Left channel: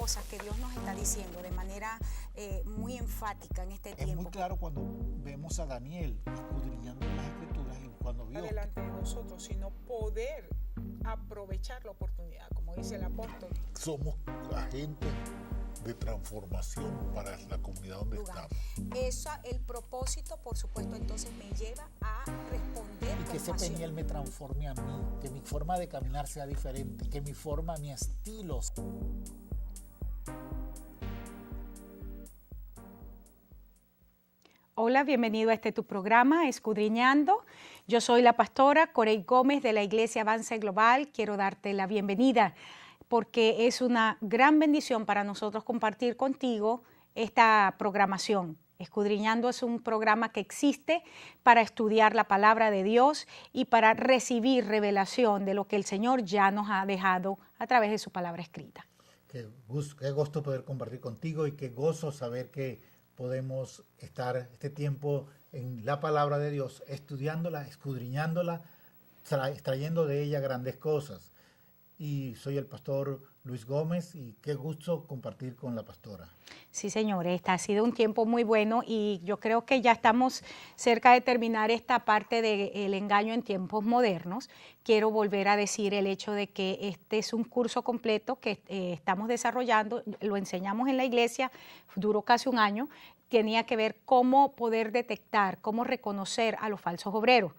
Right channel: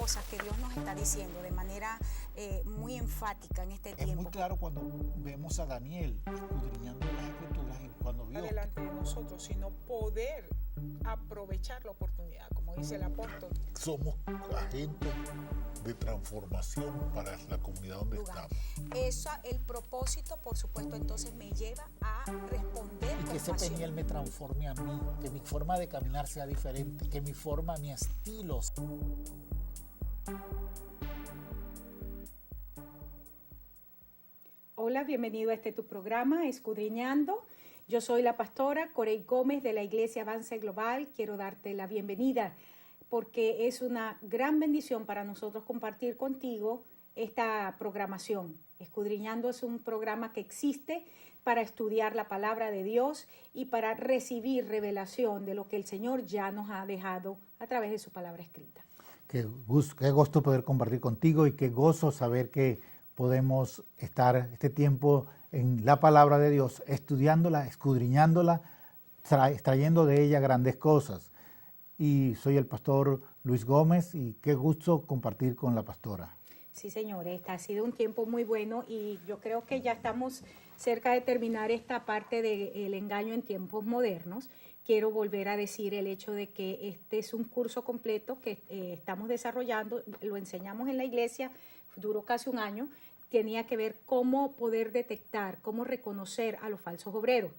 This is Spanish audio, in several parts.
cosas que Dios nos está diciendo de manera muy enfática en este tiempo. Es muy claro cuando vemos a Daniel escudriñando las Escrituras y cuando vio delante de nosotros, sino poder aprovechar la oportunidad, como dice el apóstol. Somos agentes de transformación para la comunidad donde estamos. Eso, el propósito, por supuesto, entonces me lleva a responder y con que ese pasión. Peniel me transforme a mí, que mi forma de caminar sea diferente, que mi forma, mi estilo. Hola, bienvenido a tu programa, Escudriñando. Yo soy la pastora Corey Gómez de la Iglesia Avance Global. Quiero darte la bienvenida porque es una gran bendición para nosotros compartir contigo esta programación. Escudriñando es un programa que existe para estudiar la palabra de Dios y para recibir revelación de lo que el Señor ya nos ha dejado a través de su palabra escrita. Qué gusto poder compartir contigo y qué gozo saber que podemos estar este tiempo en la palabra de Dios, estudiándola, escudriñándola, extrayendo de ella grandes cosas. Y soy el pastor Luis Gómez y qué gusto compartir con la pastora. Sí, señores, ha sido un tiempo muy bueno y yo creo que ya estamos cerca de terminar esta parte del engaño en tiempos modernos. Quiero volver a decir el hecho de que este es un curso completo que estamos desarrollando, lo enseñamos en la iglesia, duró casi un año. Tenía que ver cómo poder detectar, cómo reconocer a los falsos obreros.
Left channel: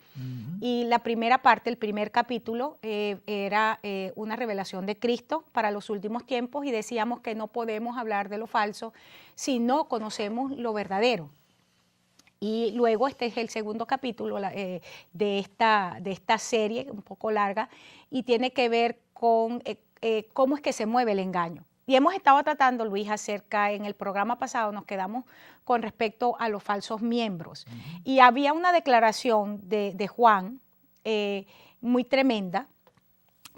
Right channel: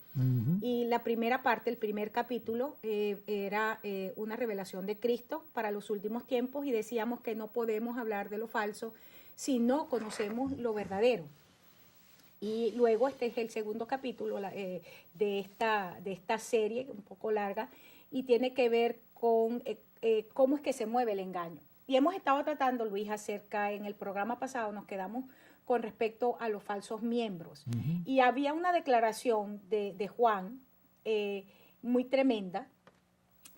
Y la primera parte, el primer capítulo, era una revelación de Cristo para los últimos tiempos y decíamos que no podemos hablar de lo falso si no conocemos lo verdadero. Y luego este es el segundo capítulo de esta serie, un poco larga, y tiene que ver con cómo es que se mueve el engaño. Y hemos estado tratando, Luis, acerca, en el programa pasado nos quedamos con respecto a los falsos miembros. Y había una declaración de Juan muy tremenda,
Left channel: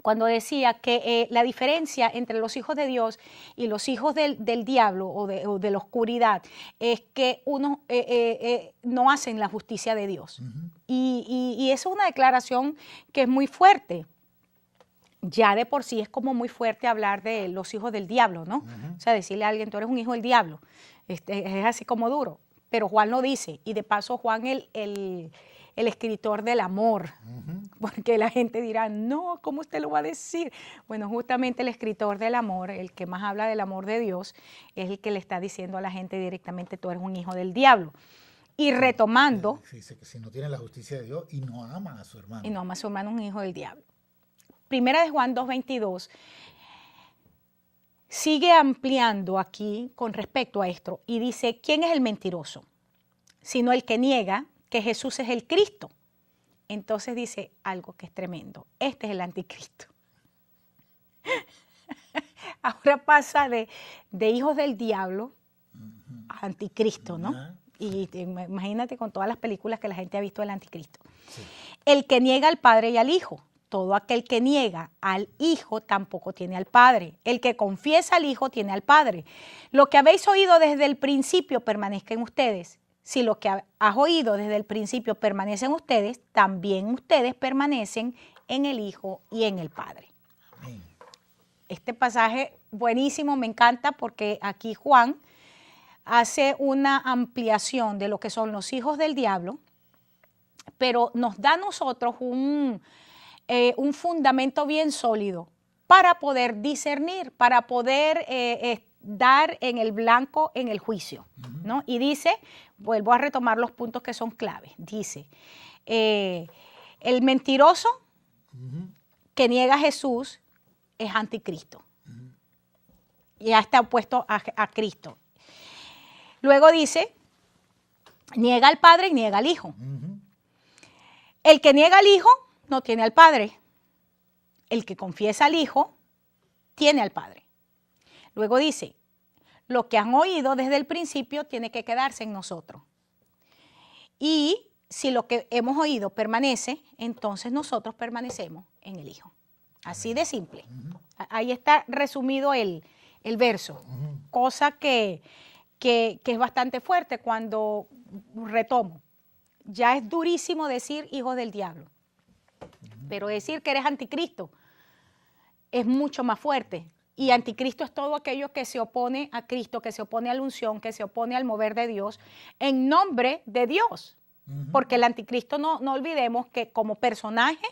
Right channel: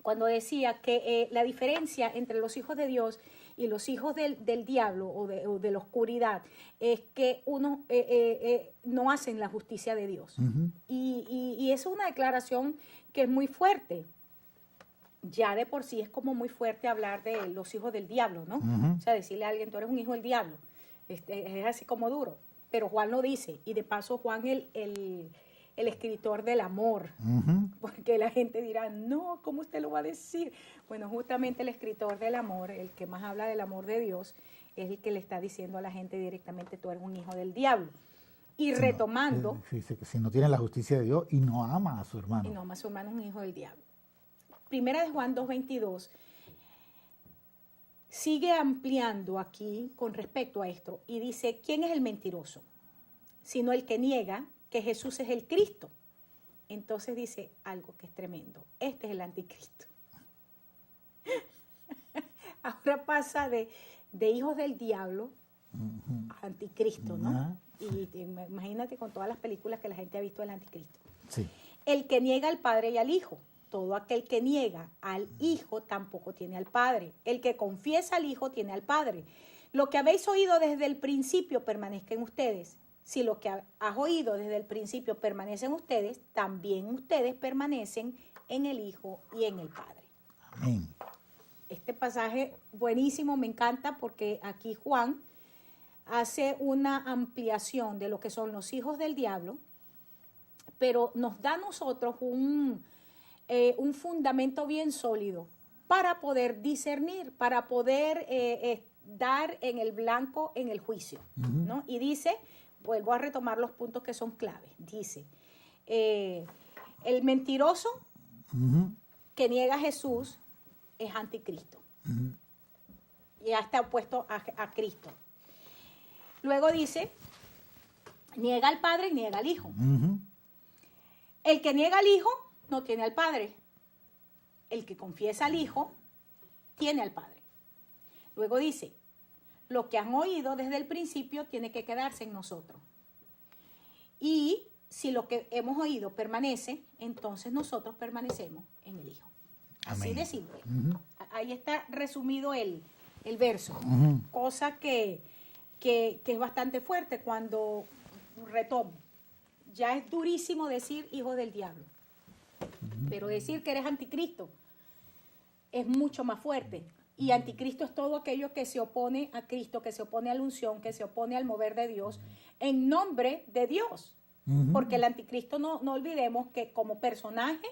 cuando decía que la diferencia entre los hijos de Dios y los hijos del diablo o de la oscuridad es que unos no hacen la justicia de Dios. Y eso es una declaración que es muy fuerte. Ya de por sí es como muy fuerte hablar de los hijos del diablo, ¿no? O sea, decirle a alguien, tú eres un hijo del diablo, es así como duro. Pero Juan lo dice, y de paso Juan el escritor del amor, porque la gente dirá, no, ¿cómo usted lo va a decir? Bueno, justamente el escritor del amor, el que más habla del amor de Dios, es el que le está diciendo a la gente directamente, tú eres un hijo del diablo. Y retomando... Dice que si no tiene la justicia de Dios y no ama a su hermano. Y no ama a su hermano, un hijo del diablo. Primera de Juan 2:22 sigue ampliando aquí con respecto a esto y dice, ¿quién es el mentiroso? Sino el que niega que Jesús es el Cristo. Entonces dice algo que es tremendo. Este es el anticristo. Ahora pasa de hijos del diablo a anticristo, ¿no? Y imagínate con todas las películas que la gente ha visto del anticristo. Sí. El que niega al Padre y al Hijo. Todo aquel que niega al Hijo tampoco tiene al Padre. El que confiesa al Hijo tiene al Padre. Lo que habéis oído desde el principio permanezca en ustedes. Si lo que has oído desde el principio permanece en ustedes, también ustedes permanecen en el Hijo y en el Padre. Amén. Este pasaje buenísimo, me encanta porque aquí Juan hace una ampliación de lo que son los hijos del diablo, pero nos da a nosotros un fundamento bien sólido para poder discernir, para poder dar en el blanco en el juicio, ¿no? Y dice, vuelvo a retomar los puntos que son claves, dice, el mentiroso que niega a Jesús es anticristo, ya está opuesto a Cristo. Luego dice, niega al Padre y niega al Hijo. El que niega al Hijo no tiene al Padre. El que confiesa al Hijo tiene al Padre. Luego dice, lo que han oído desde el principio tiene que quedarse en nosotros. Y si lo que hemos oído permanece, entonces nosotros permanecemos en el Hijo. Así de simple. Ahí está resumido el verso. Cosa que es bastante fuerte cuando retomo. Ya es durísimo decir hijo del diablo. Pero decir que eres anticristo es mucho más fuerte, Y anticristo es todo aquello que se opone a Cristo, que se opone a la unción, que se opone al mover de Dios, en nombre de Dios. Porque el anticristo, no olvidemos que como personaje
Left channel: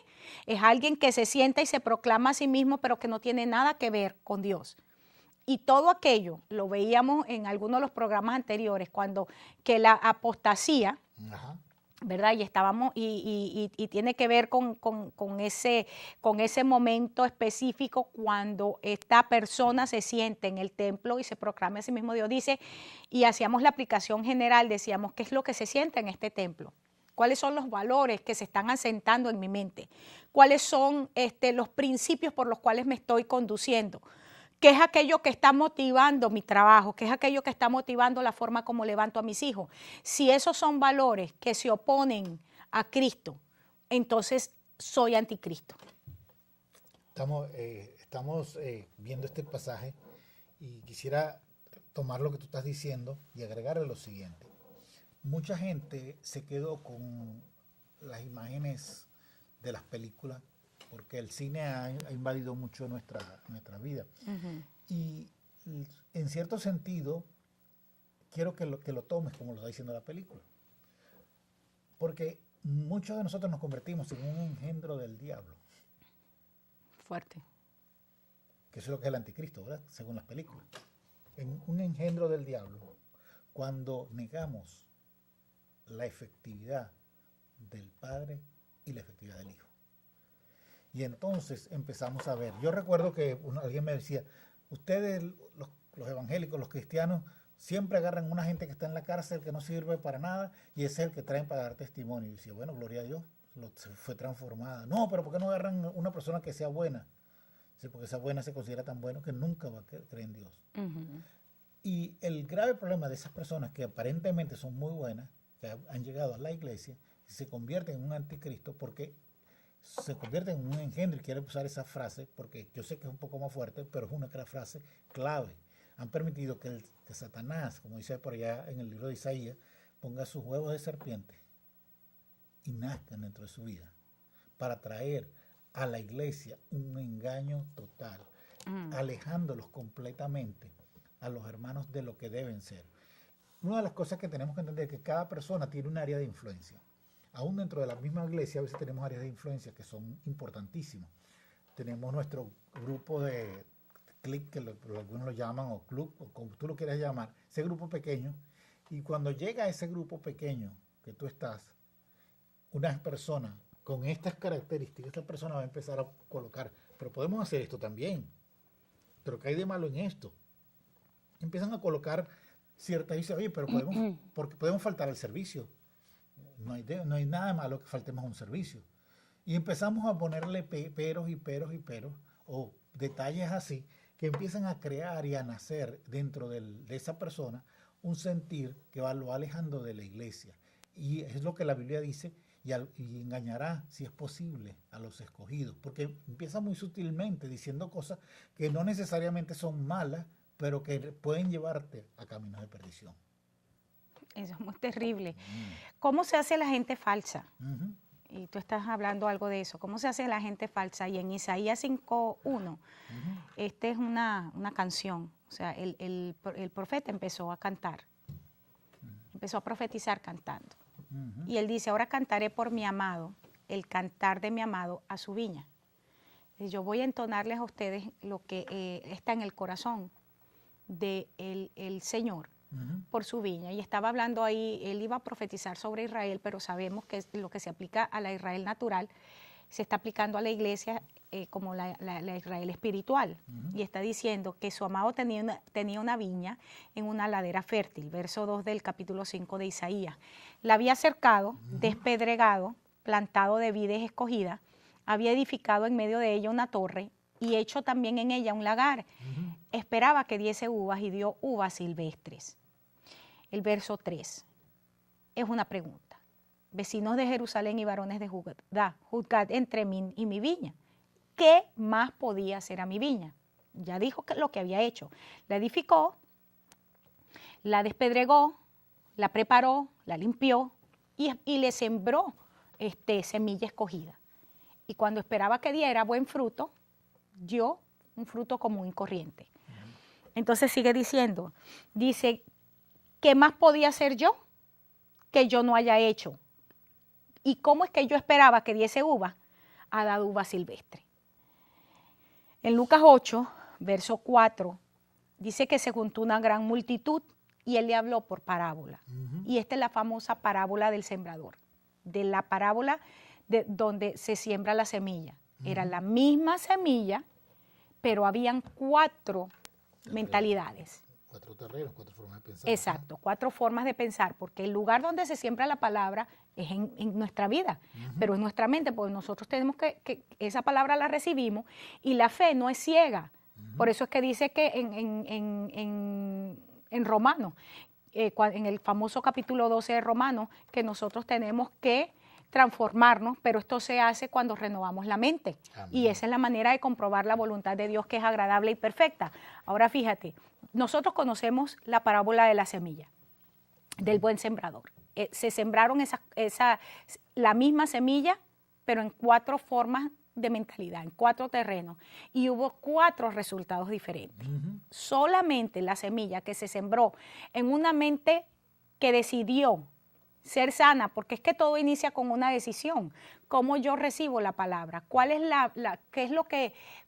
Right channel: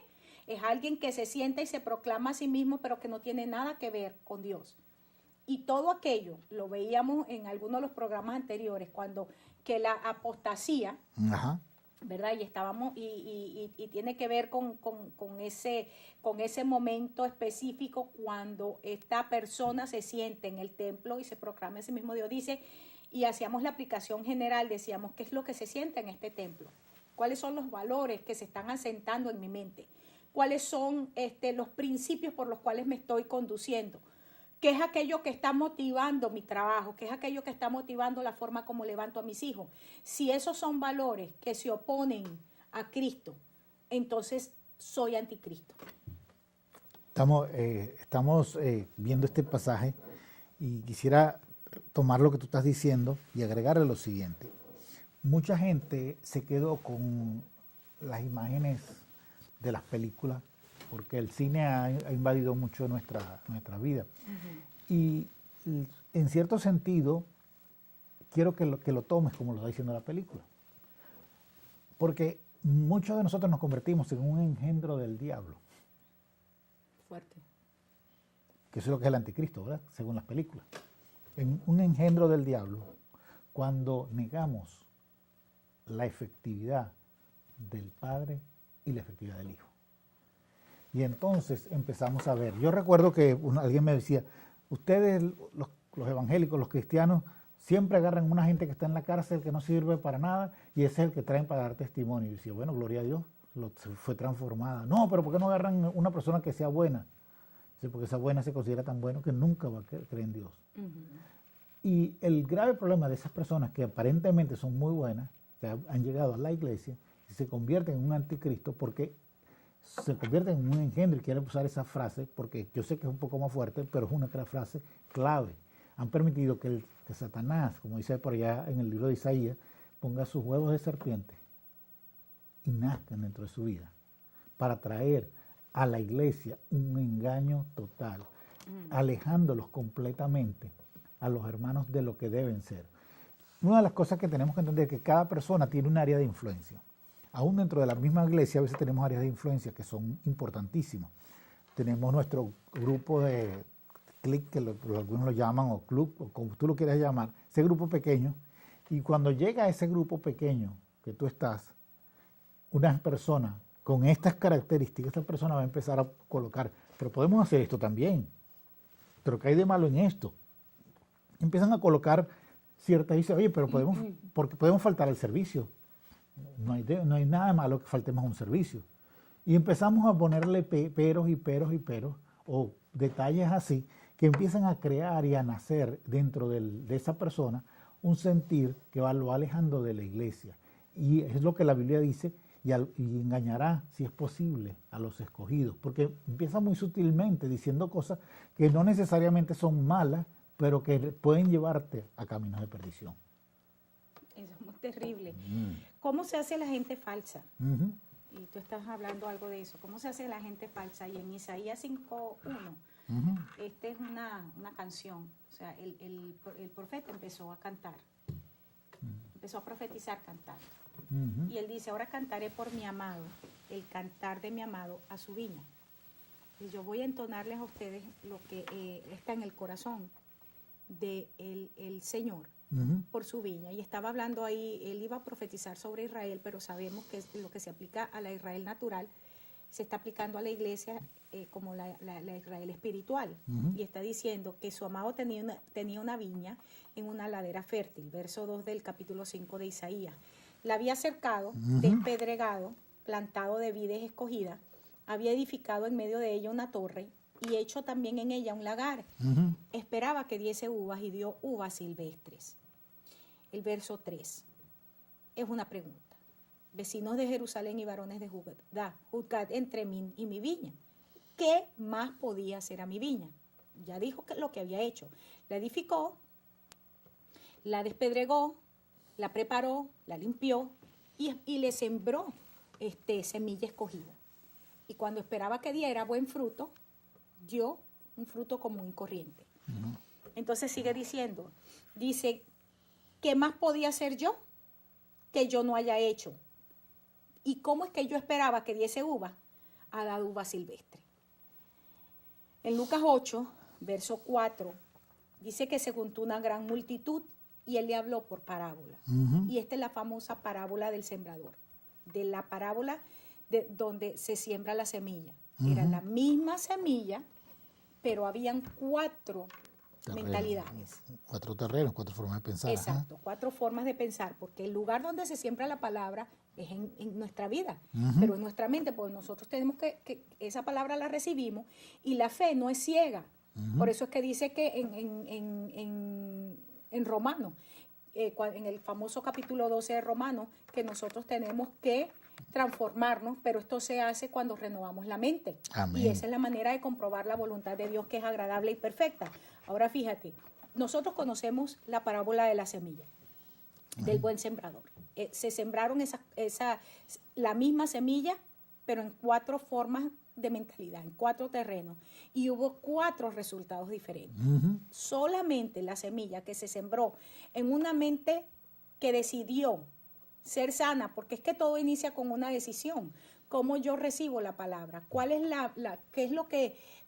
es alguien que se sienta y se proclama a sí mismo, pero que no tiene nada que ver con Dios. Y todo aquello, lo veíamos en algunos de los programas anteriores, cuando que la apostasía, Ajá. ¿verdad? Y estábamos, y tiene que ver con ese momento específico cuando esta persona se siente en el templo y se proclama a sí mismo Dios. Dice, y hacíamos la aplicación general, decíamos, ¿qué es lo que se siente en este templo? ¿Cuáles son los valores que se están asentando en mi mente? ¿Cuáles son los principios por los cuales me estoy conduciendo? ¿Qué es aquello que está motivando mi trabajo? ¿Qué es aquello que está motivando la forma como levanto a mis hijos? Si esos son valores que se oponen a Cristo, entonces soy anticristo. Estamos viendo este pasaje y quisiera tomar lo que tú estás diciendo y agregarle lo siguiente. Mucha gente se quedó con las imágenes de las películas porque el cine ha invadido mucho nuestra vida. Y en cierto sentido, quiero que lo tomes como lo está diciendo la película. Porque muchos de nosotros nos convertimos en un engendro del diablo. Fuerte. Que eso es lo que es el anticristo, ¿verdad? Según las películas. En un engendro del diablo, cuando negamos la efectividad del Padre y la efectividad del Hijo. Y entonces empezamos a ver. Yo recuerdo que alguien me decía, ustedes, los evangélicos, los cristianos, siempre agarran una gente que está en la cárcel, que no sirve para nada, y ese es el que traen para dar testimonio. Y decía, bueno, gloria a Dios, fue transformada. No, pero ¿por qué no agarran una persona que sea buena? Sí, porque esa buena se considera tan bueno que nunca va a creer en Dios. Y el grave problema de esas personas que aparentemente son muy buenas, que han llegado a la iglesia, y se convierten en un anticristo porque se convierten en un engendro, y quiero usar esa frase porque yo sé que es un poco más fuerte, pero es una frase clave. Han permitido que Satanás, como dice por allá en el libro de Isaías, ponga sus huevos de serpiente y nazcan dentro de su vida para traer a la iglesia un engaño total, alejándolos completamente a los hermanos de lo que deben ser. Una de las cosas que tenemos que entender es que cada persona tiene un área de influencia. Aún dentro de la misma iglesia a veces tenemos áreas de influencia que son importantísimas. Tenemos nuestro grupo de clic, que algunos lo llaman, o club, o como tú lo quieras llamar, ese grupo pequeño. Y cuando llega a ese grupo pequeño que tú estás, una persona con estas características, esta persona va a empezar a colocar, pero podemos hacer esto también, pero ¿qué hay de malo en esto? Empiezan a colocar ciertas, y dicen, oye, pero porque podemos faltar al servicio. No hay nada malo que faltemos a un servicio. Y empezamos a ponerle peros, o detalles así, que empiezan a crear y a nacer dentro de esa persona un sentir que lo va alejando de la iglesia. Y es lo que la Biblia dice, y engañará, si es posible, a los escogidos. Porque empieza muy sutilmente diciendo cosas que no necesariamente son malas, pero que pueden llevarte a caminos de perdición. Eso es muy terrible. ¿Cómo se hace la gente falsa? Y tú estás hablando algo de eso. ¿Cómo se hace la gente falsa? Y en Isaías 5:1, esta es una canción. O sea, el profeta empezó a cantar. Empezó a profetizar cantando. Y él dice, ahora cantaré por mi amado, el cantar de mi amado a su viña. Y yo voy a entonarles a ustedes lo que está en el corazón del Señor por su viña. Y estaba hablando ahí, él iba a profetizar sobre Israel, pero sabemos que lo que se aplica a la Israel natural se está aplicando a la iglesia como la Israel espiritual. Y está diciendo que su amado tenía una viña en una ladera fértil, verso 2 del capítulo 5 de Isaías. La había cercado, despedregado, plantado de vides escogidas, había edificado en medio de ella una torre y hecho también en ella un lagar. Esperaba que diese uvas y dio uvas silvestres. El verso 3 es una pregunta. Vecinos de Jerusalén y varones de Judá, juzgad entre mí y mi viña. ¿Qué más podía hacer a mi viña? Ya dijo lo que había hecho. La edificó, la despedregó, la preparó, la limpió y le sembró semilla escogida. Y cuando esperaba que diera buen fruto, dio un fruto común y corriente. Entonces sigue diciendo, dice, ¿qué más podía hacer yo que yo no haya hecho? ¿Y cómo es que yo esperaba que diese uva? Ha dado uva silvestre. En Lucas 8, verso 4, dice que se juntó una gran multitud y él le habló por parábola. Y esta es la famosa parábola del sembrador, de la parábola de donde se siembra la semilla. Era la misma semilla, pero habían 4 mentalidades. 4 terrenos, 4 formas de pensar. Exacto, 4 formas de pensar, porque el lugar donde se siembra la palabra es en nuestra vida, pero en nuestra mente, pues nosotros tenemos que esa palabra la recibimos y la fe no es ciega. Por eso es que dice que en Romanos, en el famoso capítulo 12 de Romanos, que nosotros tenemos que transformarnos, pero esto se hace cuando renovamos la mente. Amén. Y esa es la manera de comprobar la voluntad de Dios, que es agradable y perfecta. Ahora fíjate, nosotros conocemos la parábola de la semilla, del buen sembrador. Se sembraron la misma semilla, pero en 4 formas de mentalidad, en 4 terrenos, y hubo 4 resultados diferentes. Solamente la semilla que se sembró en una mente que decidió ser sana, porque es que todo inicia con una decisión. ¿Cómo yo recibo la palabra? ¿Cuál es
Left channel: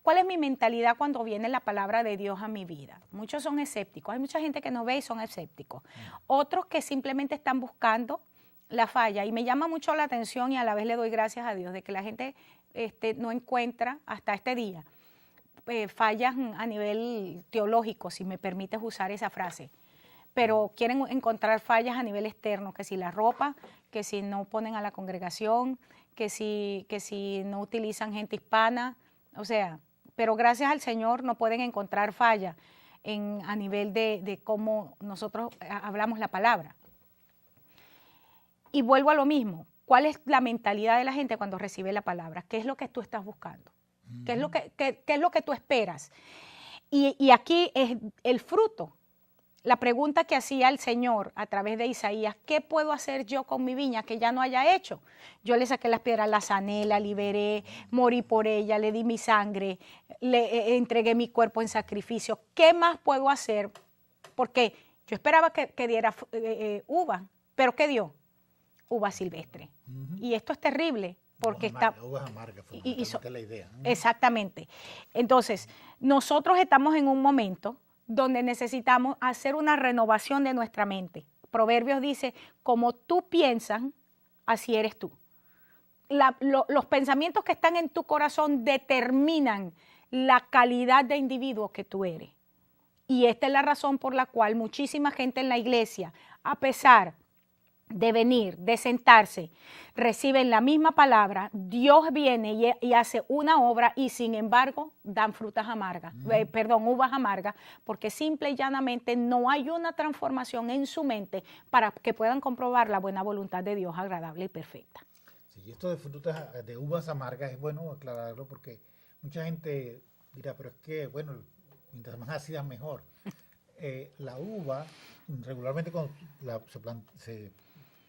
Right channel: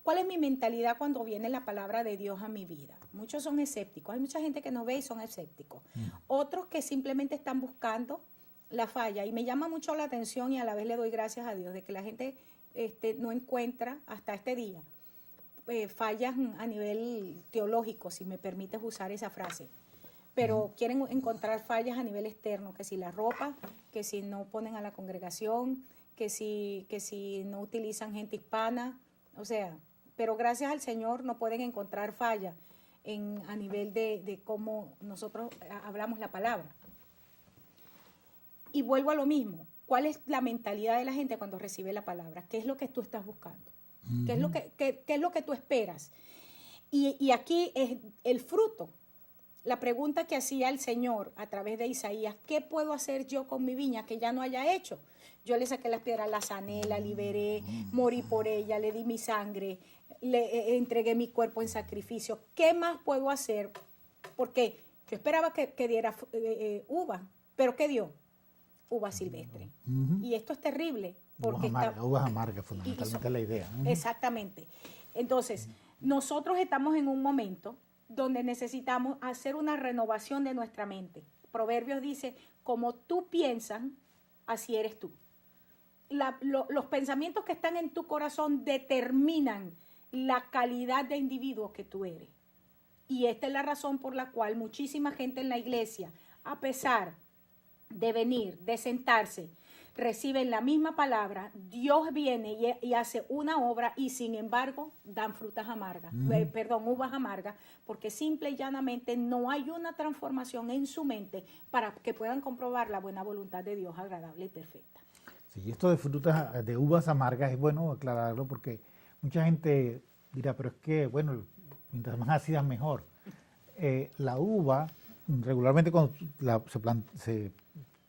cuál es mi mentalidad cuando viene la palabra de Dios a mi vida? Muchos son escépticos. Hay mucha gente que nos ve y son escépticos. Otros que simplemente están buscando la falla. Y me llama mucho la atención y a la vez le doy gracias a Dios de que la gente no encuentra hasta este día fallas a nivel teológico, si me permites usar esa frase. Pero quieren encontrar fallas a nivel externo, que si la ropa, que si no ponen a la congregación, que si no utilizan gente hispana, o sea, pero gracias al Señor no pueden encontrar fallas a nivel de cómo nosotros hablamos la palabra. Y vuelvo a lo mismo, ¿cuál es la mentalidad de la gente cuando recibe la palabra? ¿Qué es lo que tú estás buscando? ¿Qué es lo que tú esperas? Y aquí es el fruto. La pregunta que hacía el Señor a través de Isaías, ¿qué puedo hacer yo con mi viña que ya no haya hecho? Yo le saqué las piedras, la sané, la liberé, morí por ella, le di mi sangre, le entregué mi cuerpo en sacrificio. ¿Qué más puedo hacer? Porque yo esperaba que diera uva, pero ¿qué dio? Uva silvestre. Y esto es terrible. Porque uvas amargas, fundamentalmente la idea. Exactamente. Entonces, nosotros estamos en un momento donde necesitamos hacer una renovación de nuestra mente. Proverbios dice, como tú piensas, así eres tú. Los pensamientos que están en tu corazón determinan la calidad de individuo que tú eres. Y esta es la razón por la cual muchísima gente en la iglesia, a pesar de venir, de sentarse, reciben la misma palabra, Dios viene y hace una obra y sin embargo dan frutas amargas, uvas amargas, porque simple y llanamente no hay una transformación en su mente para que puedan comprobar la buena voluntad de Dios agradable y perfecta. Sí, esto de uvas amargas es bueno aclararlo porque mucha gente dirá, pero es que, bueno, mientras más ácidas mejor. La uva, regularmente cuando se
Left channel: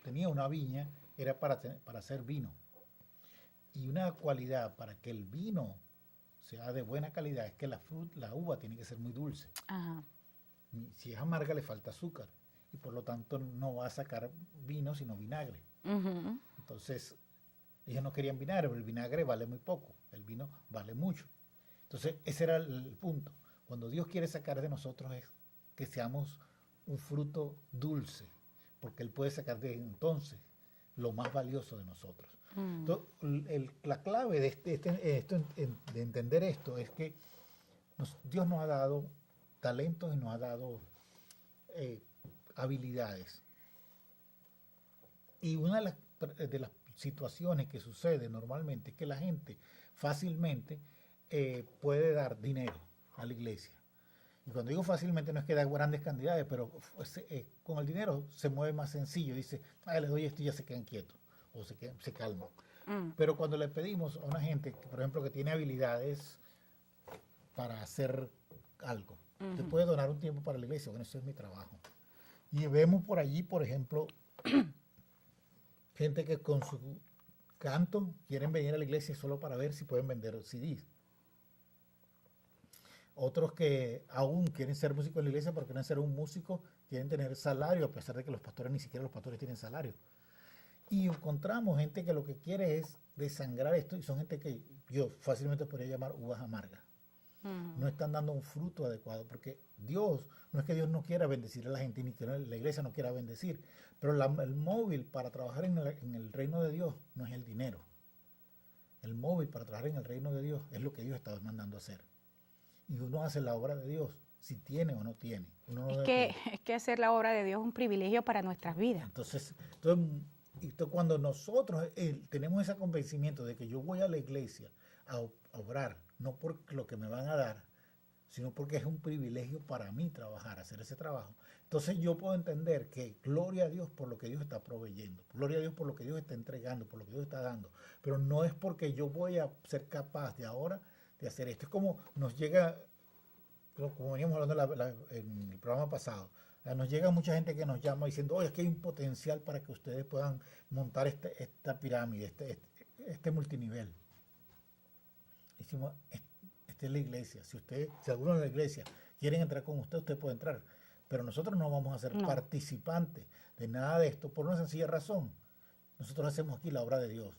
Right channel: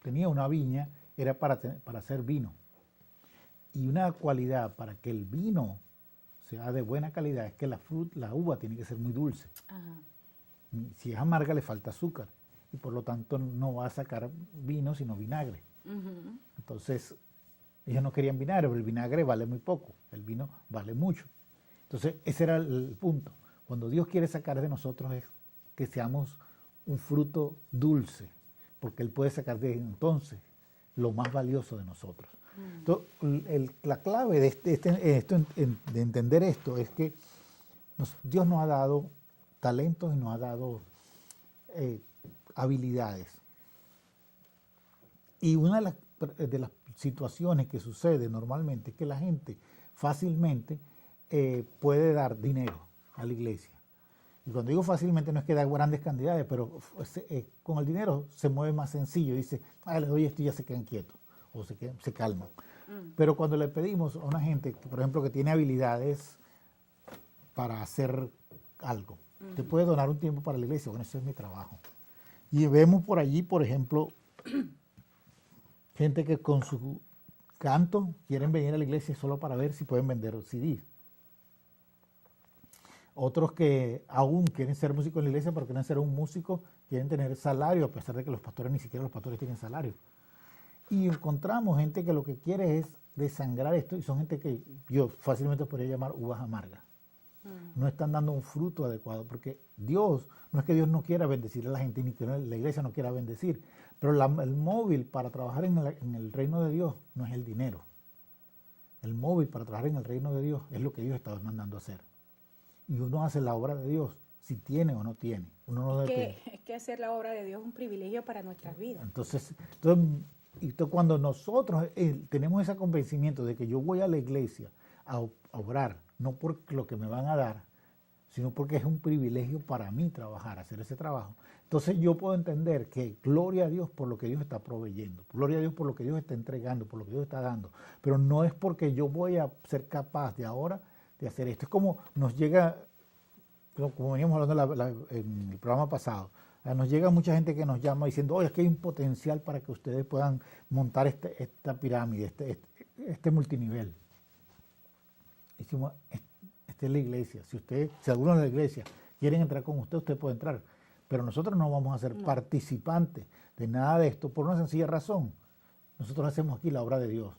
tenía una viña, era para hacer vino. Y una cualidad para que el vino sea de buena calidad es que la uva tiene que ser muy dulce. Ajá. Si es amarga le falta azúcar y por lo tanto no va a sacar vino sino vinagre. Entonces ellos no querían vinagre, pero el vinagre vale muy poco, el vino vale mucho. Entonces ese era el punto. Cuando Dios quiere sacar de nosotros es que seamos un fruto dulce, porque Él puede sacar de entonces lo más valioso de nosotros. Entonces, la clave de entender esto es que Dios nos ha dado talentos y nos ha dado habilidades. Y una de las situaciones que sucede normalmente es que la gente fácilmente puede dar dinero a la iglesia. Y cuando digo fácilmente no es que da grandes cantidades, pero con el dinero se mueve más sencillo. Dice, le doy esto y ya se quedan quietos o se calman. Pero cuando le pedimos a una gente, por ejemplo, que tiene habilidades para hacer algo, te puede donar un tiempo para la iglesia. Bueno, ese es mi trabajo. Y vemos por allí, por ejemplo, gente que con su canto quieren venir a la iglesia solo para ver si pueden vender CDs. Otros que aún quieren ser músicos en la iglesia, pero quieren ser un músico, quieren tener salario, a pesar de que los pastores ni siquiera los pastores tienen salario. Y encontramos gente que lo que quiere es desangrar esto, y son gente que yo fácilmente podría llamar uvas amargas. No están dando un fruto adecuado, porque Dios, no es que Dios no quiera bendecir a la gente, ni que la iglesia no quiera bendecir, pero el móvil para trabajar en el reino de Dios no es el dinero. El móvil para trabajar en el reino de Dios es lo que Dios está mandando a hacer. Y uno hace la obra de Dios, si tiene o no tiene. Uno no es que hacer la obra de Dios es un privilegio para nuestras vidas. Entonces cuando nosotros tenemos ese convencimiento de que yo voy a la iglesia a obrar, no por lo que me van a dar, sino porque es un privilegio para mí trabajar, hacer ese trabajo. Entonces yo puedo entender que gloria a Dios por lo que Dios está proveyendo, gloria a Dios por lo que Dios está entregando, por lo que Dios está dando, pero no es porque yo voy a ser capaz de ahora de hacer esto. Es como nos llega, como veníamos hablando en el programa pasado, nos llega mucha gente que nos llama diciendo, oye, es que hay un potencial para que ustedes puedan montar esta pirámide, este multinivel. Decimos, esta es la iglesia. Si alguno de la iglesia quieren entrar con usted, usted puede entrar. Pero nosotros no vamos a ser participantes de nada de esto por una sencilla razón. Nosotros hacemos aquí la obra de Dios,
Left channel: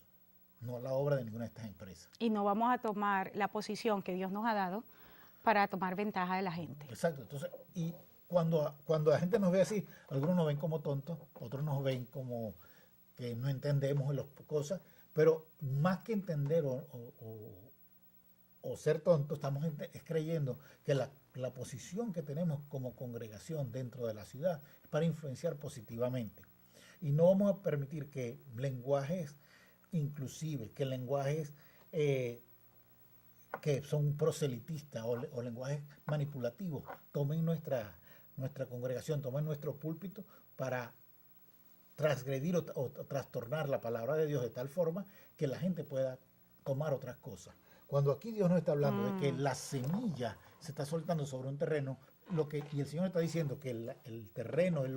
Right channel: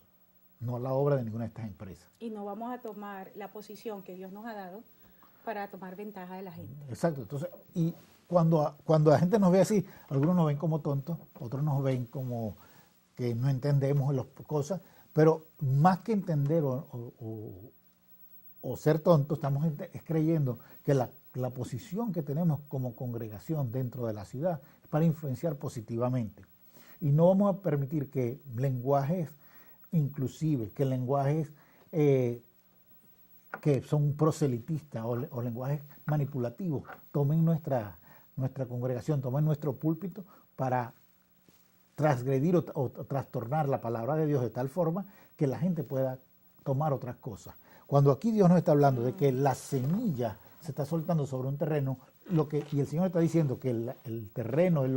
no la obra de ninguna de estas empresas. Y no vamos a tomar la posición que Dios nos ha dado para tomar ventaja de la gente. Exacto. Entonces, y cuando la gente nos ve así, algunos nos ven como tontos, otros nos ven como que no entendemos las cosas, pero más que entender o ser tontos, estamos creyendo que la posición que tenemos como congregación dentro de la ciudad es para influenciar positivamente. Y no vamos a permitir que lenguajes inclusivos, que lenguajes que son proselitistas o lenguajes manipulativos tomen nuestra congregación, tomen nuestro púlpito para transgredir o trastornar la palabra de Dios de tal forma que la gente pueda tomar otras cosas. Cuando aquí Dios nos está hablando de que la semilla se está soltando sobre un terreno, y el Señor está diciendo que el terreno Él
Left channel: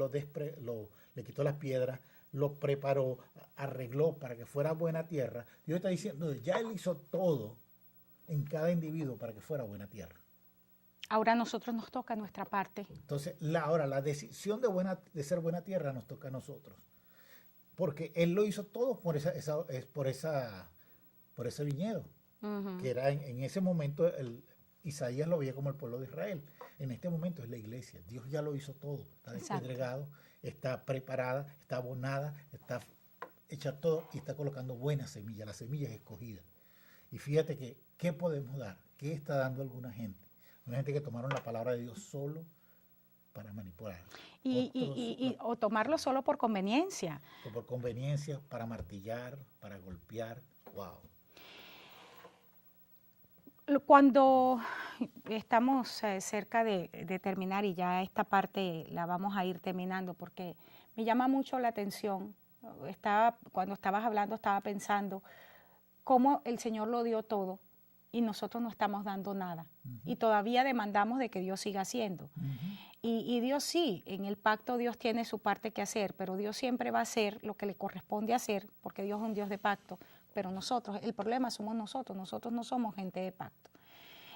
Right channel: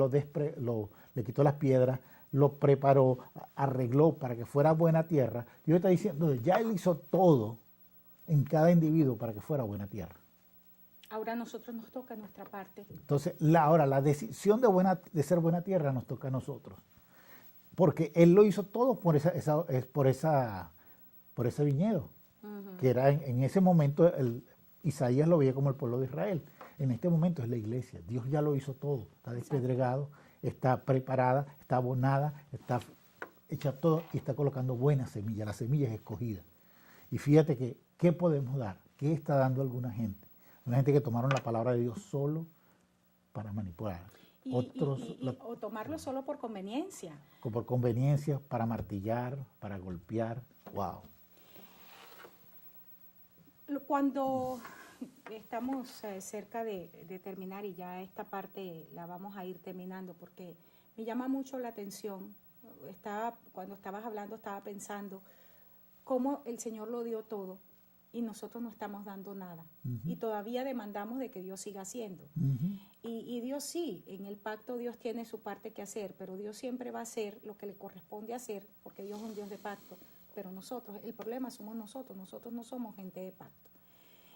le quitó las piedras, lo preparó, arregló para que fuera buena tierra. Dios está diciendo, ya Él hizo todo en cada individuo para que fuera buena tierra. Ahora a nosotros nos toca nuestra parte. Entonces, ahora la decisión de ser buena tierra nos toca a nosotros. Porque Él lo hizo todo por ese viñedo. Que era en ese momento, Isaías lo veía como el pueblo de Israel. En este momento es la iglesia. Dios ya lo hizo todo. Está despedregado, está preparada, está abonada, está hecha todo y está colocando buena semilla. La semilla es escogida. Y fíjate que, ¿qué podemos dar? ¿Qué está dando alguna gente? Una gente que tomaron la palabra de Dios solo para manipular. O tomarlo solo por conveniencia. O por conveniencia, para martillar, para golpear. ¡Wow! Cuando estamos cerca de terminar, y ya esta parte la vamos a ir terminando, porque me llama mucho la atención, cuando estabas hablando estaba pensando cómo el Señor lo dio todo y nosotros no estamos dando nada. Y todavía demandamos de que Dios siga haciendo. Y Dios sí, en el pacto Dios tiene su parte que hacer, pero Dios siempre va a hacer lo que le corresponde hacer, porque Dios es un Dios de pacto. Pero el problema somos nosotros no somos gente de pacto.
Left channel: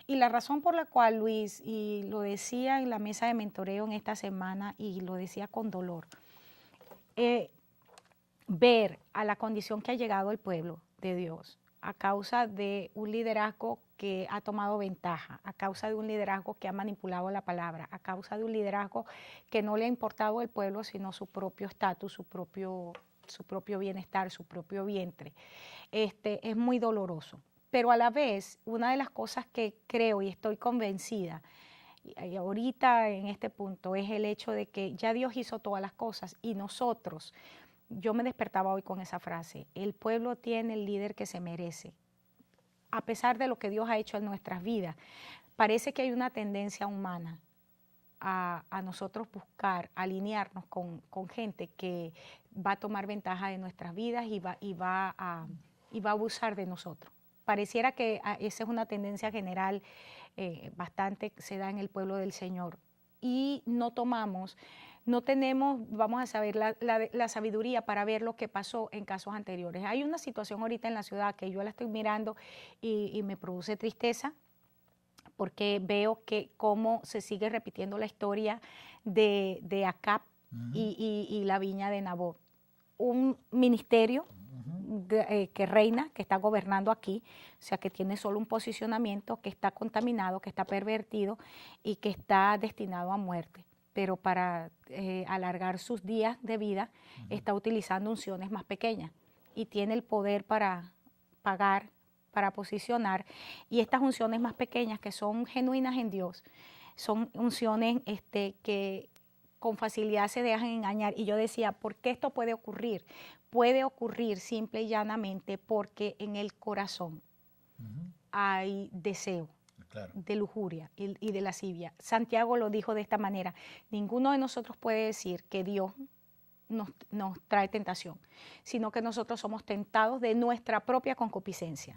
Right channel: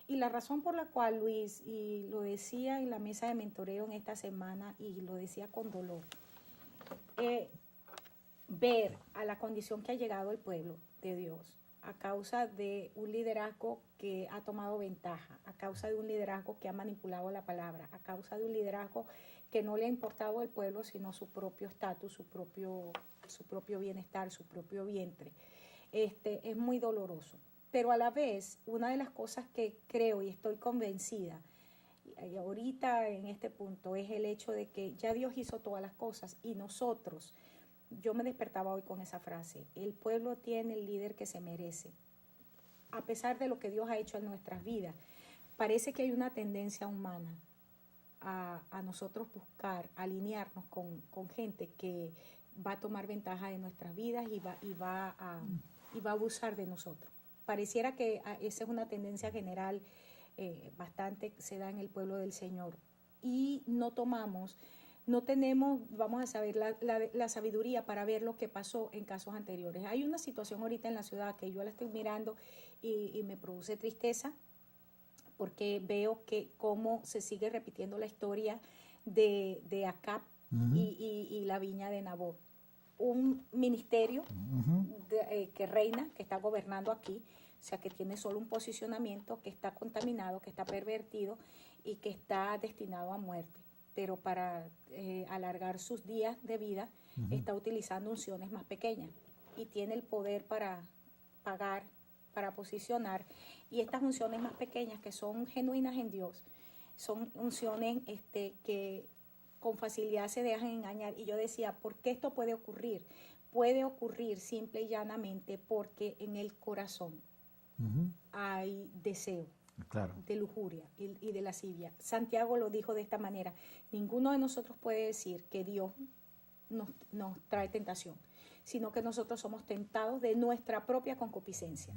Y la razón por la cual, Luis, y lo decía en la mesa de mentoreo en esta semana, y lo decía con dolor, ver a la condición que ha llegado el pueblo de Dios a causa de un liderazgo que ha tomado ventaja, a causa de un liderazgo que ha manipulado la palabra, a causa de un liderazgo que no le ha importado el pueblo, sino su propio estatus, su propio bienestar, su propio vientre. Es muy doloroso. Pero a la vez, una de las cosas que creo y estoy convencida, y ahorita en este punto, es el hecho de que ya Dios hizo todas las cosas y nosotros, yo me despertaba hoy con esa frase, el pueblo tiene el líder que se merece. A pesar de lo que Dios ha hecho en nuestras vidas, parece que hay una tendencia humana a nosotros buscar, alinearnos con gente que va a tomar ventaja de nuestras vidas y va a abusar de nosotros. Pareciera que esa es una tendencia general, bastante se da en el pueblo del Señor. Y no tenemos, vamos a saber, la sabiduría para ver lo que pasó en casos anteriores. Hay una situación ahorita en la ciudad que yo la estoy mirando y me produce tristeza, porque veo que cómo se sigue repitiendo la historia de Acab y la viña de Nabot. Un ministerio que reina, que está gobernando aquí, o sea, que tiene solo un posicionamiento, que está contaminado, que está pervertido y que está destinado a muerte. Pero para alargar sus días de vida, está utilizando unciones más pequeñas y tiene el poder para pagar, para posicionar. Y estas unciones más pequeñas, que son genuinas en Dios, son unciones que con facilidad se dejan engañar. Y yo decía, ¿por qué esto puede ocurrir? Puede ocurrir simple y llanamente porque en el corazón hay deseo, Claro. de lujuria y de lascivia. Santiago lo dijo de esta manera: ninguno de nosotros puede decir que Dios nos trae tentación, sino que nosotros somos tentados de nuestra propia concupiscencia.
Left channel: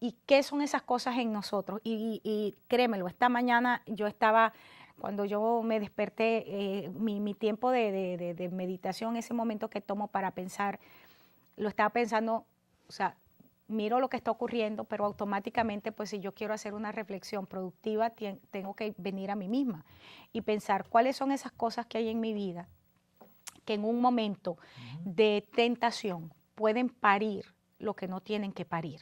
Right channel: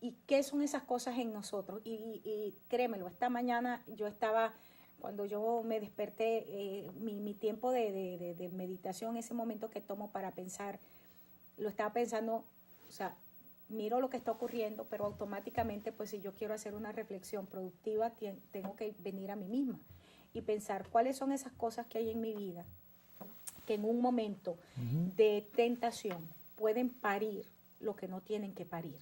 ¿Y qué son esas cosas en nosotros? Y créemelo, esta mañana yo estaba, cuando yo me desperté, mi tiempo de meditación, ese momento que tomo para pensar, lo estaba pensando, o sea, miro lo que está ocurriendo, pero automáticamente, pues si yo quiero hacer una reflexión productiva, tengo que venir a mí misma y pensar cuáles son esas cosas que hay en mi vida que en un momento de tentación pueden parir lo que no tienen que parir.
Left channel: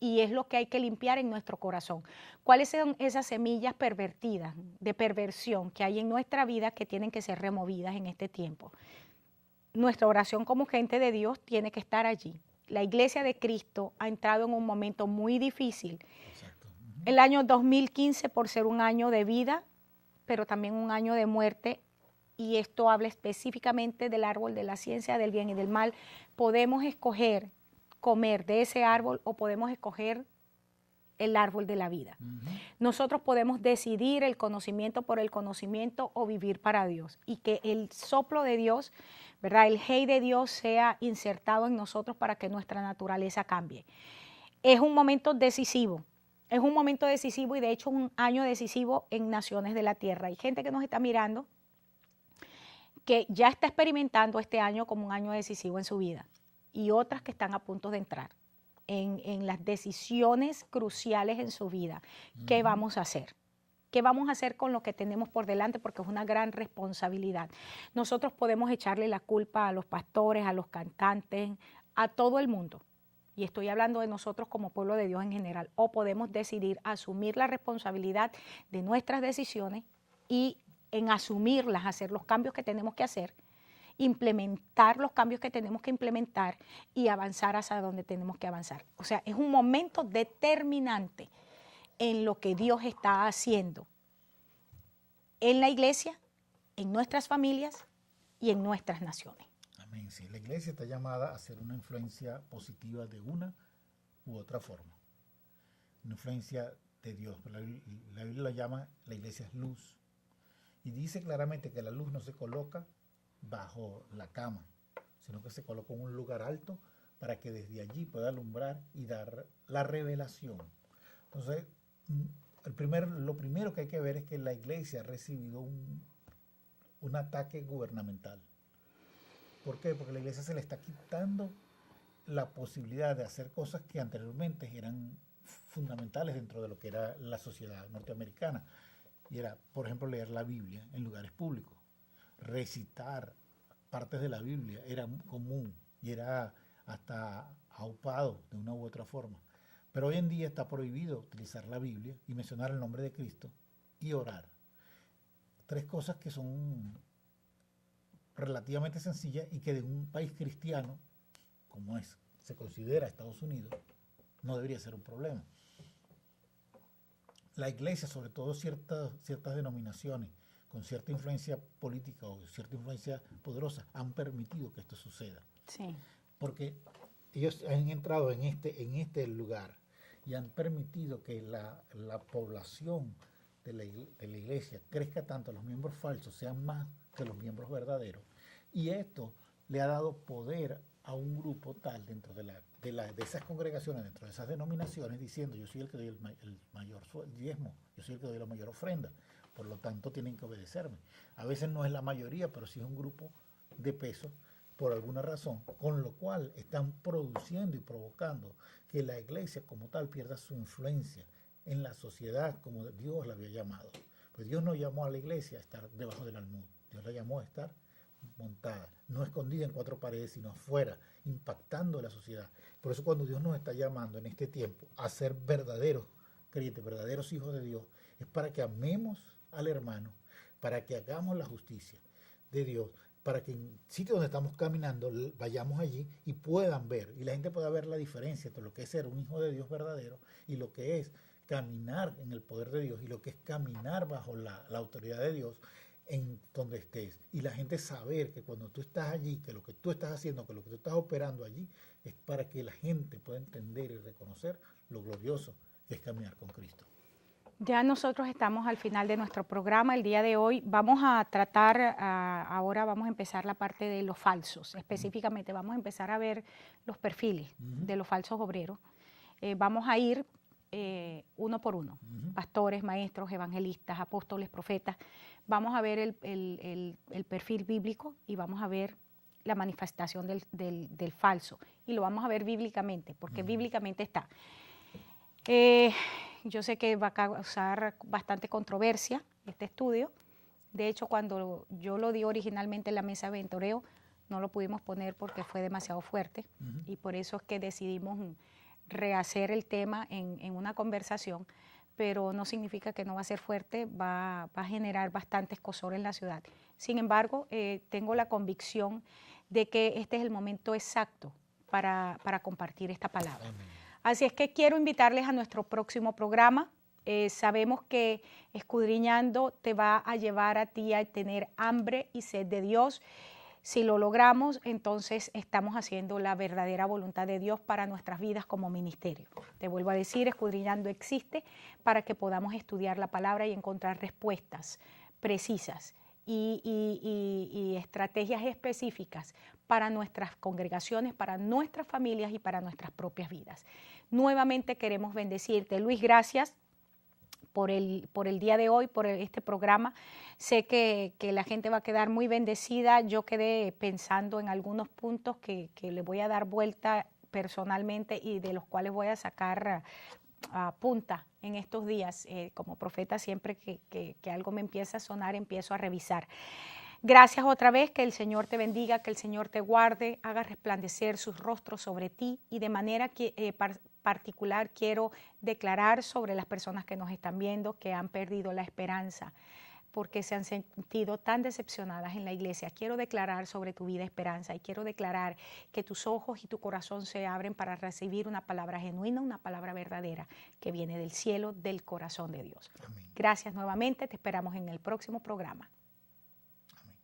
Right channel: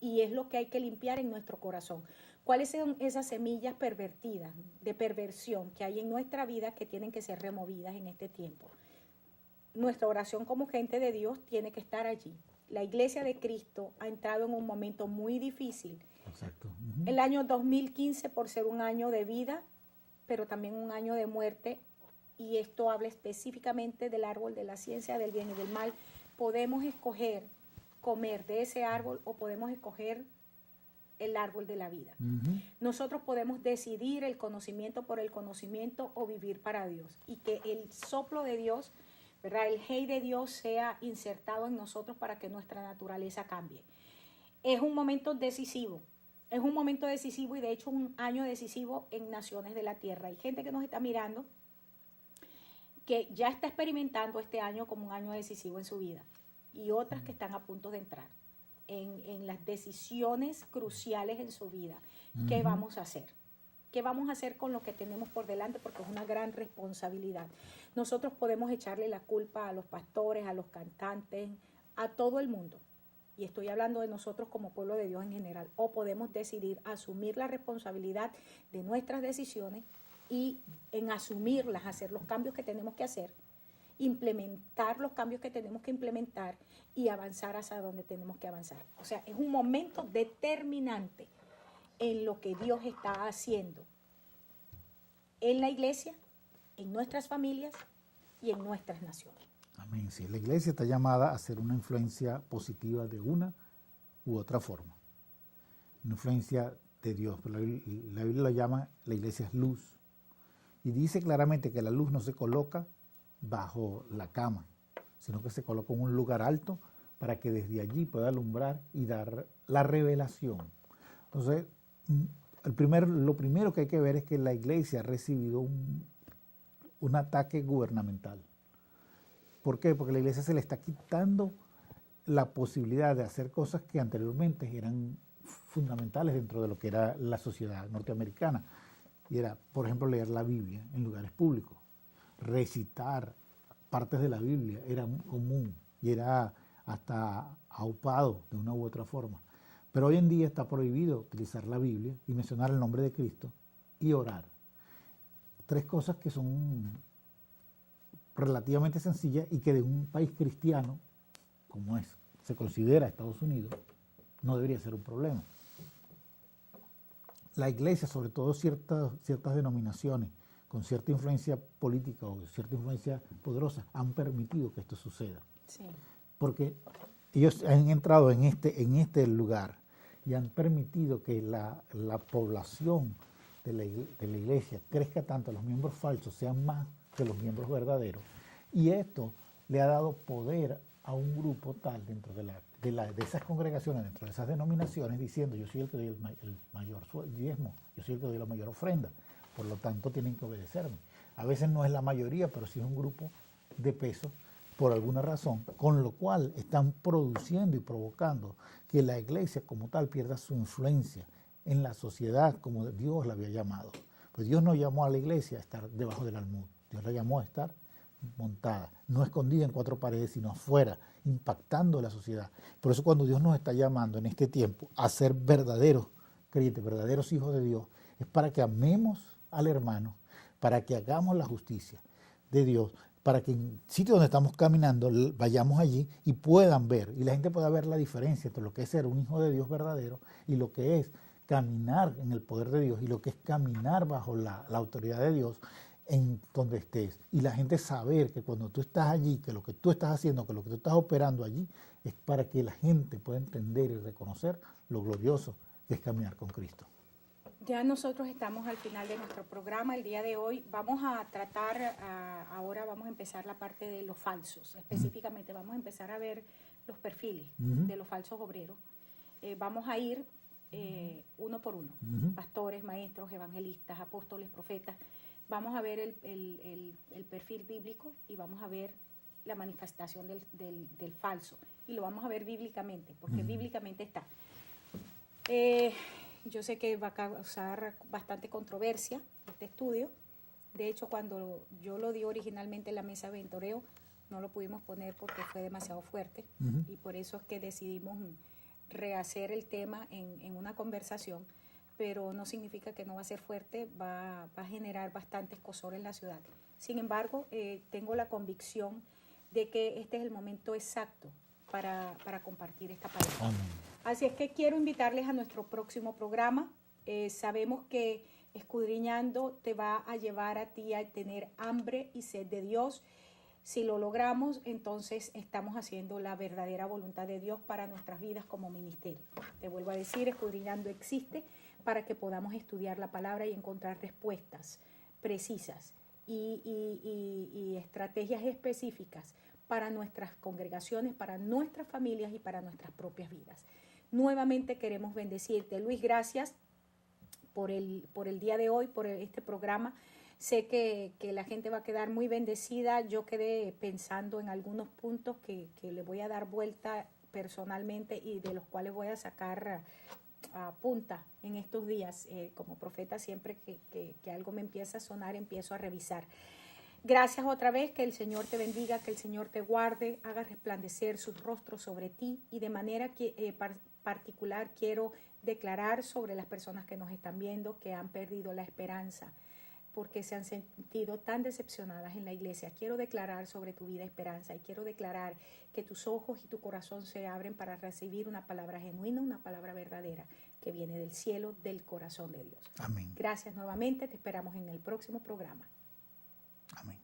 Y es lo que hay que limpiar en nuestro corazón. ¿Cuáles son esas semillas pervertidas, de perversión que hay en nuestra vida que tienen que ser removidas en este tiempo? Nuestra oración como gente de Dios tiene que estar allí. La Iglesia de Cristo ha entrado en un momento muy difícil. Exacto. El año 2015, por ser un año de vida, pero también un año de muerte, y esto habla específicamente del árbol de la ciencia del bien y del mal. Podemos escoger comer de ese árbol o podemos escoger el árbol de la vida. Nosotros podemos decidir el conocimiento por el conocimiento o vivir para Dios, y que el soplo de Dios, ¿verdad?, el hey de Dios sea insertado en nosotros para que nuestra naturaleza cambie. Es un momento decisivo. Es un momento decisivo y de hecho un año decisivo en naciones de la tierra. Hay gente que nos está mirando que ya está experimentando este año como un año decisivo en su vida, y otras que están a punto de entrar en las decisiones cruciales en su vida. ¿Qué vamos a hacer? ¿Qué vamos a hacer con lo que tenemos por delante? Porque es una gran responsabilidad. Nosotros podemos echarle la culpa a los pastores, a los cantantes, a todo el mundo. Y estoy hablando de nosotros como pueblo de Dios en general. O podemos decidir asumir la responsabilidad de nuestras decisiones y en asumirlas, hacer los cambios que tenemos que hacer, implementar los cambios que tenemos que implementar y avanzar hacia donde tenemos que avanzar. O sea, es un momento determinante en lo que Dios está haciendo en la iglesia, en nuestras familias y en nuestras naciones. Amén. Sí, la iglesia está llamada a ser una influencia positiva de una u otra forma. Una influencia de Dios. La Biblia la llama, la iglesia es luz. Y dice claramente que la luz no se coloca bajo la cama, sino que se coloca en un lugar alto para que desde allí pueda alumbrar y dar la revelación. Entonces, lo primero que hay que ver es que la iglesia ha recibido un ataque gubernamental. ¿Por qué? Porque la iglesia se le está quitando la posibilidad de hacer cosas que anteriormente eran fundamentales dentro de lo que era la sociedad norteamericana. Y era, por ejemplo, leer la Biblia en lugares públicos. Recitar partes de la Biblia era común y era hasta aupado de una u otra forma. Pero hoy en día está prohibido utilizar la Biblia y mencionar el nombre de Cristo y orar. Tres cosas que son relativamente sencillas y que de un país cristiano, como se considera Estados Unidos, no debería ser un problema. La iglesia, sobre todo ciertas denominaciones con cierta influencia política o cierta influencia poderosa, han permitido que esto suceda. Sí. Porque ellos han entrado en este lugar y han permitido que la población de la iglesia crezca tanto, los miembros falsos sean más que los miembros verdaderos. Y esto le ha dado poder a un grupo tal dentro de esas congregaciones, dentro de esas denominaciones, diciendo: yo soy el que doy el mayor diezmo, yo soy el que doy la mayor ofrenda, por lo tanto tienen que obedecerme. A veces no es la mayoría, pero sí es un grupo de peso por alguna razón, con lo cual están produciendo y provocando que la iglesia como tal pierda su influencia en la sociedad como Dios la había llamado. Pues Dios no llamó a la iglesia a estar debajo del almud, Dios la llamó a estar montada, no escondida en cuatro paredes, sino afuera, impactando la sociedad. Por eso cuando Dios nos está llamando en este tiempo a ser verdaderos creyentes, verdaderos hijos de Dios, es para que amemos al hermano, para que hagamos la justicia de Dios, para que en sitios donde estamos caminando vayamos allí y puedan ver, y la gente pueda ver la diferencia entre lo que es ser un hijo de Dios verdadero y lo que es caminar en el poder de Dios y lo que es caminar bajo la autoridad de Dios en donde estés. Y la gente saber que cuando tú estás allí, que lo que tú estás haciendo, que lo que tú estás operando allí, es para que la gente pueda entender y reconocer lo glorioso que es caminar con Cristo. Ya nosotros estamos al final de nuestro programa. El día de hoy vamos a tratar, ahora vamos a empezar la parte de los falsos. Específicamente vamos a empezar a ver los perfiles de los falsos obreros. Vamos a ir uno por uno, pastores, maestros, evangelistas, apóstoles, profetas. Vamos a ver el perfil bíblico y vamos a ver la manifestación del falso. Y lo vamos a ver bíblicamente, porque bíblicamente está. Yo sé que va a causar bastante controversia este estudio. De hecho, cuando yo lo di originalmente en la mesa de mentoreo, no lo pudimos poner porque fue demasiado fuerte. Y por eso es que decidimos rehacer el tema en una conversación, pero no significa que no va a ser fuerte, va a generar bastante escozor en la ciudad. Sin embargo, tengo la convicción de que este es el momento exacto para compartir esta palabra. Amén. Así es que quiero invitarles a nuestro próximo programa. Sabemos que escudriñando te va a llevar a ti a tener hambre y sed de Dios. Si lo logramos, entonces estamos haciendo la verdadera voluntad de Dios para nuestras vidas como ministerio. Te vuelvo a decir, escudriñando existe para que podamos estudiar la palabra y encontrar respuestas precisas y estrategias específicas para nuestras congregaciones, para nuestras familias y para nuestras propias vidas. Nuevamente queremos bendecirte. Luis, gracias por el día de hoy, por este programa. Sé que la gente va a quedar muy bendecida. Yo quedé pensando en algunos puntos que le voy a dar vuelta personalmente y de los cuales voy a sacar punta en estos días. Como profeta, siempre que algo me empieza a sonar, empiezo a revisar. Gracias otra vez, que el Señor te bendiga, que el Señor te guarde, haga resplandecer sus rostros sobre ti y de manera particular quiero declarar sobre las personas que nos están viendo que han perdido la esperanza porque se han sentido tan decepcionadas en la iglesia. Quiero declarar sobre tu vida esperanza y quiero declarar que tus ojos y tu corazón se abren para recibir una palabra genuina, una palabra verdadera que viene del cielo, del corazón de Dios. Amén. Gracias nuevamente, te esperamos en el próximo programa. Amén.